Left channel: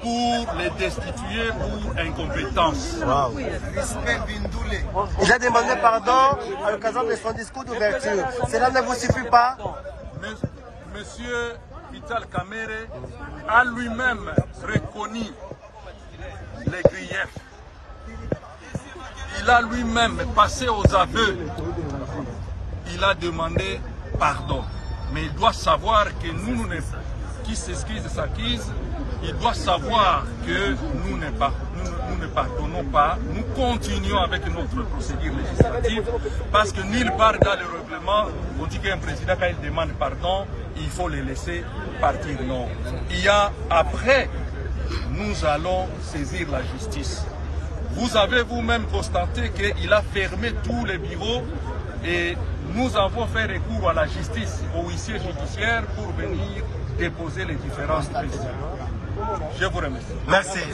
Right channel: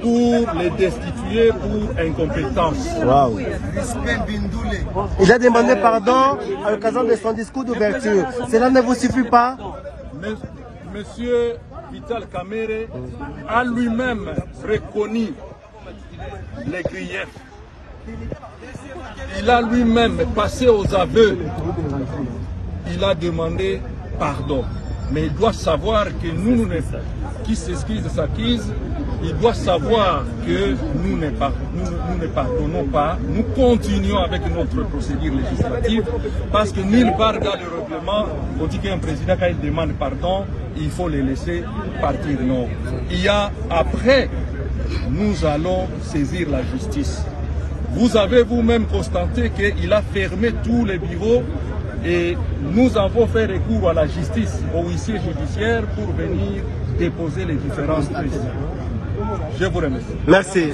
pour les destituer pour incompétence. Wow. Il a demandé pardon à l'occasion de son discours d'ouverture. Cela ne vous suffit pas? Monsieur Vital Kamerhe a lui-même reconnu les griefs. Il a lui-même passé aux aveux. Il a demandé pardon. Mais il doit savoir que nous, qui s'excuse s'accuse, il doit savoir que nous ne pardonnons pas. Nous continuons avec notre procédure législative parce que nulle part dans le règlement, on dit qu'un président, quand il demande pardon, il faut le laisser partir. Non. Il y a après, nous allons saisir la justice. Vous avez vous-même constaté qu'il a fermé tous les bureaux et nous avons fait recours à la justice, au huissier judiciaire pour venir déposer les différentes questions. Je vous remercie. Merci.